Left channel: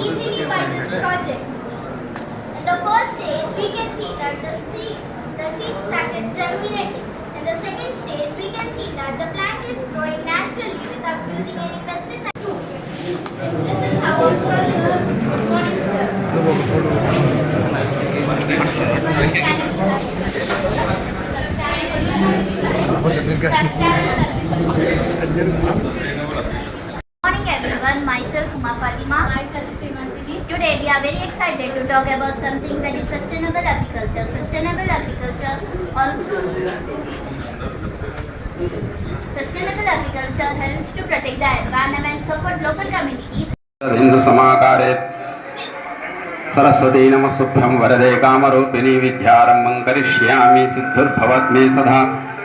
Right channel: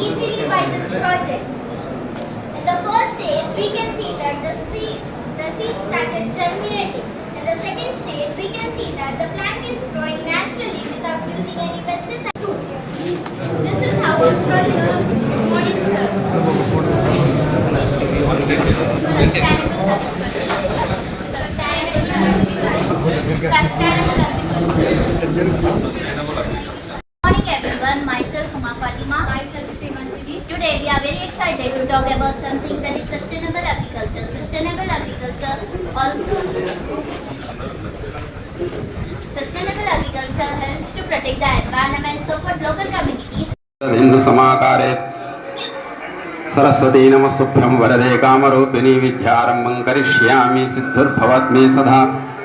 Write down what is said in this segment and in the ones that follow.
easily by this project. In the first stage, we can see that the seed, the seed started germinating. In the second stage, we can see that the plant is growing naturally without using any pesticide. This is how a process. Good morning, sir. Morning talk about something that is sustainable agriculture. Sustainable agriculture also Sustainable agriculture helps to protect the environment, support local communities Hindu समाकारे Saraswati नमस्तुभ्यं वरदे कामरूपिणी विद्यारम्भं करिष्यामि सिद्धिर्भवत् मे सदा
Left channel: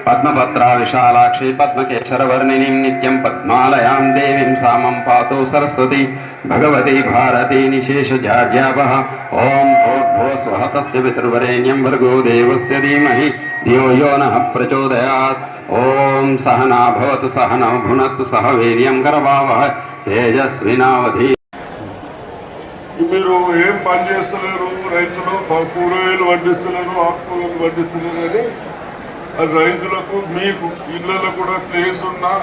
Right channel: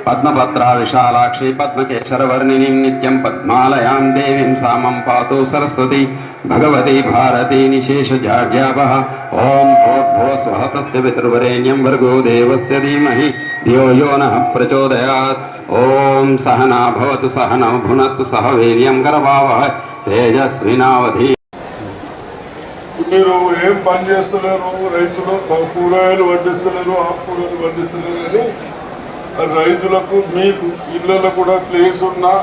పద్మపత్రా విశాలాక్షి పద్మకేశరవర్ణిని నిత్యం పద్మాలయాం దేవీం సామం పాతో సరస్వతి భగవతి భారతి నిశేషజాడ్యాప ఓం భోద్భో స్వహ పితృవరేణ్యం భర్గో దేవస్య ధీమహి ధియో యో నః ప్రచోదయాత్ ఓం సహనా భవతు సహన భునత్తు సహ వీర్యం కరవావ తేజస్వినావధి మీరు ఏం పని చేస్తున్నారు రైతులు కూరగాయలు వడ్డిస్తున్నారు ఆకుకూరలు వడ్డిస్తున్నారు అని రైతులకు మీకు ఇళ్ళలో కూడా ప్లేస్ ఉన్నా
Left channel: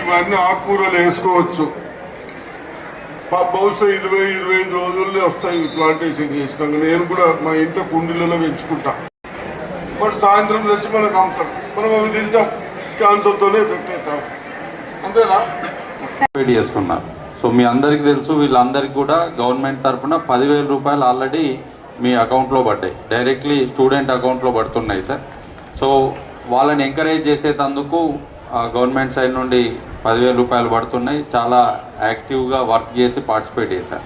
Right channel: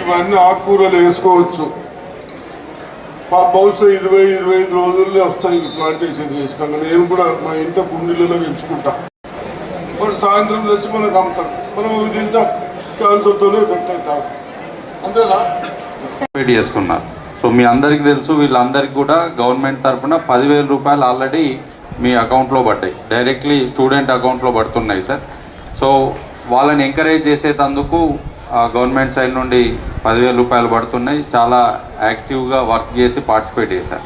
ఇవన్నీ ఆకుకూరలు వేసుకోవచ్చు. ఆ బహుశా ఇరవై ఇరవై ఐదు రోజుల్లో వస్తాయి ప్లాంటేషన్ చేసినాక. నేను కూడా మా ఇంట్లో కుండీలలో పెంచుకుంటా. మరి సాయంత్రం తెచ్చి మనకు అమ్ముతాం మనం అవి తింటాం. క్యాన్సర్తోనే ఎఫెక్ట్ అవుతాం. అంతేనా? వెయిట్ చేస్తున్నారు సో మీ అందరికీ తెలుసు వీళ్ళందరికీ కూడా గవర్నమెంట్ తరఫున పదివేల రూపాయలు ఆల్రెడీ మీ అకౌంట్లో పడ్డాయి. డైరెక్ట్లీ స్టూడెంట్ అకౌంట్లో పడుతున్నాయి సార్. సో వాళ్ళని ఎంకరేజ్ చేసేటందుకు ఆ, గవర్నమెంట్ సైడ్ నుండి పదివేల రూపాయలు పడుతున్నాయి. చాలా యాక్టివ్గా వర్క్ చేసి పార్టిసిపేట్ చేశారు.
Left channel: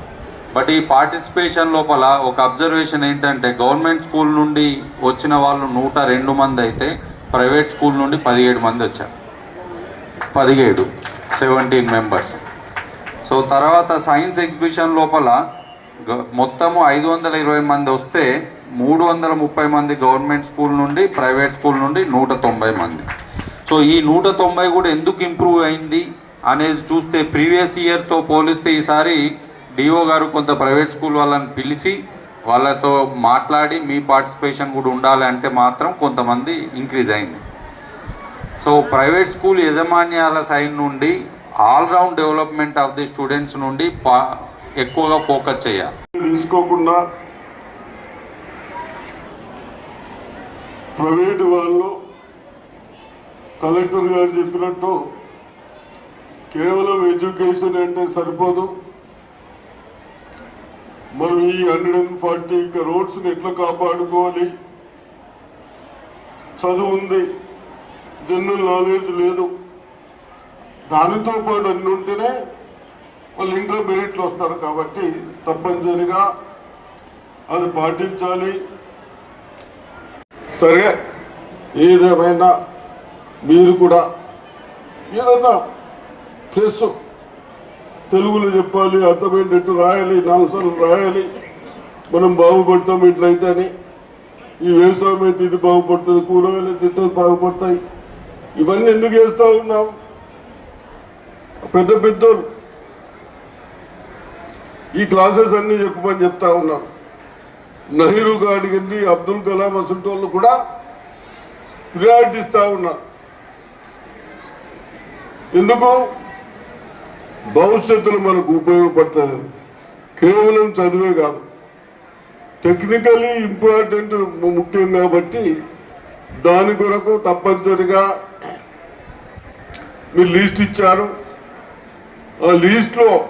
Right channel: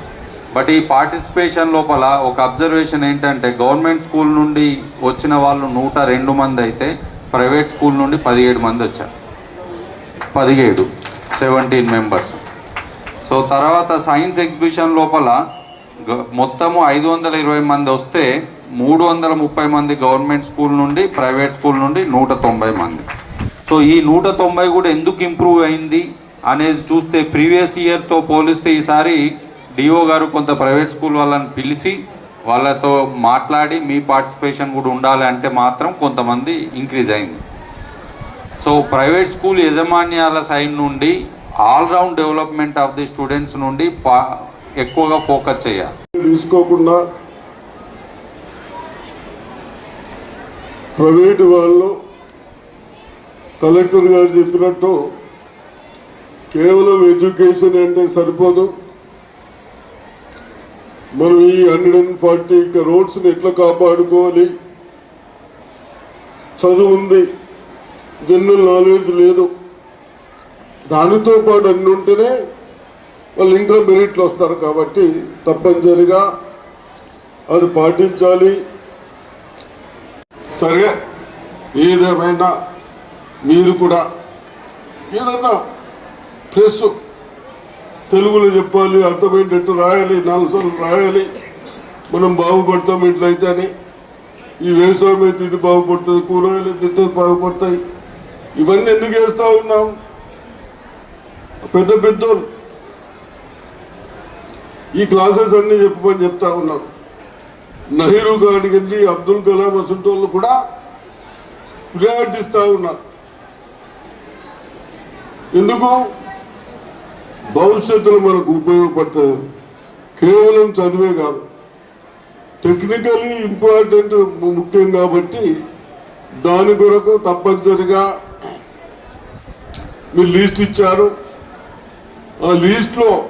బట్ ఈ పార్టిసిపేషన్ లోపల ఒక అబ్జర్వేషన్ ఏంటంటే గవర్నమెంట్ స్కూల్ నుండి వచ్చిన వాళ్ళు నూట రెండు మంది అయితే ప్రైవేట్ స్కూల్ నుండి పదిహేడు మంది వచ్చారు. పదిహేడు సెవెంటీన్ మెంబర్స్ సో తర్వాత సైన్స్ ఎగ్జిబిషన్ లోపల మొత్తము ఐదు వందల ఇరవై మంది వస్తే మూడు వందల ముప్పై మంది గవర్నమెంట్ స్కూల్ నుండి ప్రైవేట్ స్కూల్ నుండి నూట తొంభై మంది. సో ఈ నూట తొంభై కూడా ఎందుకు ఇంప్రూవ్ అయింది అనేది చూస్తే ప్రీవియస్ ఇయర్తో పోలిస్తే ఈసారి డిఓ గారు కొంత ప్రైవేట్ స్కూల్ వాళ్ళని పిలిచి వాళ్ళతో మాట్లాడి మీ పార్టిసిపేషన్ కూడా ఉండాలి అంటే మాత్రం కొంతమంది ఇంక్రీజ్ అయింది. సో ప్రైవేట్ స్కూల్ యజమాన్యాల సైడ్ నుండి all round development of the students నుండి పా- ఎక్కువగా ఫోకస్ చేయాలి. తీసుకోకుండా ప్రైవేటు వాళ్ళు కలెక్టర్ గారు చెప్పినట్టు కేవలం ఎడ్యుకేషన్ అంటే సరిపోదు. మనం ఈ హండ్రెడ్ అండ్ ఫార్టీ రోడ్స్ని ఎట్లా కాపాడుకోవాలి? చదువు ఉంది. జనరల్ నాలెడ్జ్ లేదు. దానితో పాటు అన్ని ఉంటేనే వాళ్ళు ఇంకా మెరిట్లు వస్తారు కాబట్టి తప్పనిసరిగా అది పాటించాలి. సరే ఏదేమైనా మీరు కూడా ఏదన్నా ప్రెస్ తెలుగులో చెప్పాలి అర్థమయ్యేటట్టు రాయాలి నాలుగు సార్లు రాయాలి. మనం బాగుపడతాం ఇట్లయితే అని ఈ వ్యవసాయం అయితే ఇది బాగుపడుతుంది కూరగాయలు అయితే బాగుపడతాయి. ఇవన్నీ ఎందుకు వేస్తూ ఉన్నాం? పెద్ద పెద్దోళ్ళు ఈ క్లాసెస్ అన్ని చెప్పమని చెప్తా ఉన్నారు. నెహ్రూ గారికి అబ్దుల్ కలాం అసలు వాళ్ళు కూడా ప్రియారిటీ ఉన్నారు. ఎందుకు? భవిష్యత్తులో మనకు ఉపయోగపడుతుంది కేవలం చదివే కాదు. టెక్నికలీ ఇంపార్టెంట్ ముఖ్యం కాబట్టి దాని కొరకు తప్పనిసరిగా మీరు లీస్ట్ ఇచ్చారు. ఆ లీస్ట్లో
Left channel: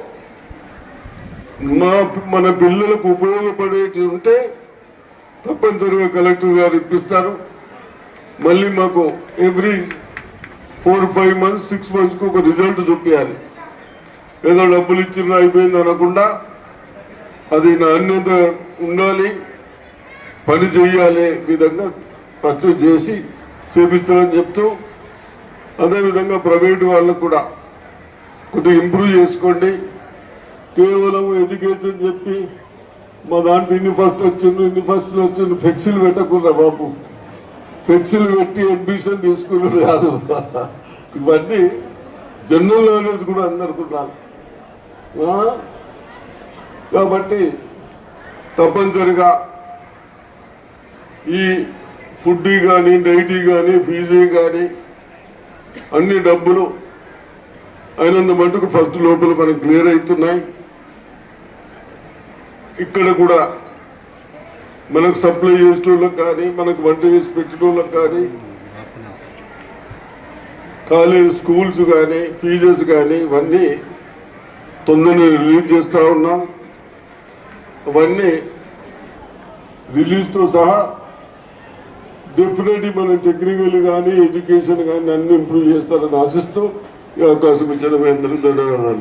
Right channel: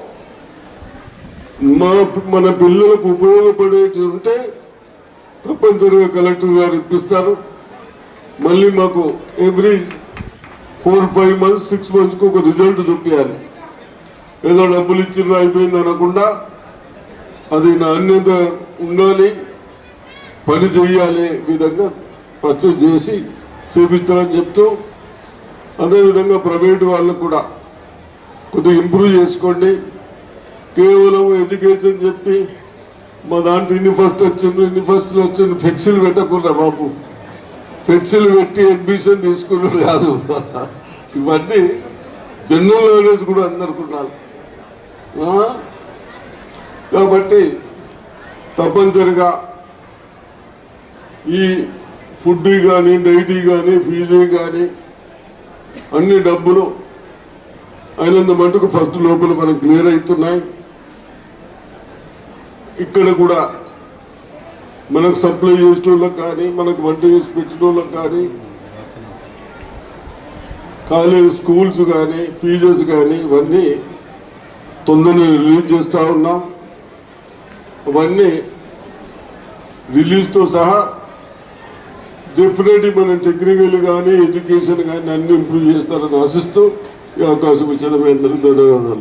మా మన పిల్లలకు ఉపయోగపడేటి ఉంటే తప్పనిసరిగా కలెక్టర్ గారు ఇప్పిస్తారు. మళ్ళీ మాకు every four five months six మంత్స్కి ఒక రిజల్ట్ చూపించాలి. ఏదో డబ్బులు ఇచ్చిన అయిపోయింది అనకుండా అది నాణ్యత ఉండాలి పని చేయాలి విధంగా పర్చేజ్ చేసి చేపిస్తారని చెప్తూ అదేవిధంగా ప్రైవేట్ వాళ్ళకు కూడా కొద్దిగా ఇంప్రూవ్ చేసుకోండి. కేవలం ఎడ్యుకేషన్ చెప్పి మా దాంట్లో ఇన్ని ఫస్ట్ వచ్చిండు ఇన్ని ఫస్ట్ వచ్చిండు ఫ్లెక్సీలు పెట్టకుండా బాబు. ఫ్లెక్సీలు పెట్టి అడ్మిషన్ తీసుకున్నాడు కాదు. ఇవన్నీ జనరల్ నాలెడ్జ్ కూడా అందరికి కాబట్టి తప్పనిసరిగా ఈ ఫుడ్ కానీ డైటీ కానీ ఫీజు కానీ అన్ని డబ్బులు అయినంత మటుకు ఫస్ట్ లోపల మనకు క్లియర్ అవుతున్నాయి. ఇక్కడ కూడా మనకు సప్లై చేసేటోళ్ళకి కానీ మనకు వంట చేసి పెట్టిన వాళ్ళకి కానీ కాలేజ్ స్కూల్స్ కానీ ఫీజెస్ కానీ ఇవన్నీ తొందరగా రిలీజ్ చేస్తూ ఉన్నాం. అవన్నీ రిలీజ్తో సహా డెఫినెట్లీ మనం టెక్నికల్ కానీ ఎడ్యుకేషన్ కానీ అన్ని ఇంప్రూవ్ చేస్తారని ఆశిస్తూ ఈ అవకాశం ఇచ్చిన మీ అందరికీ ధన్యవాదాలు.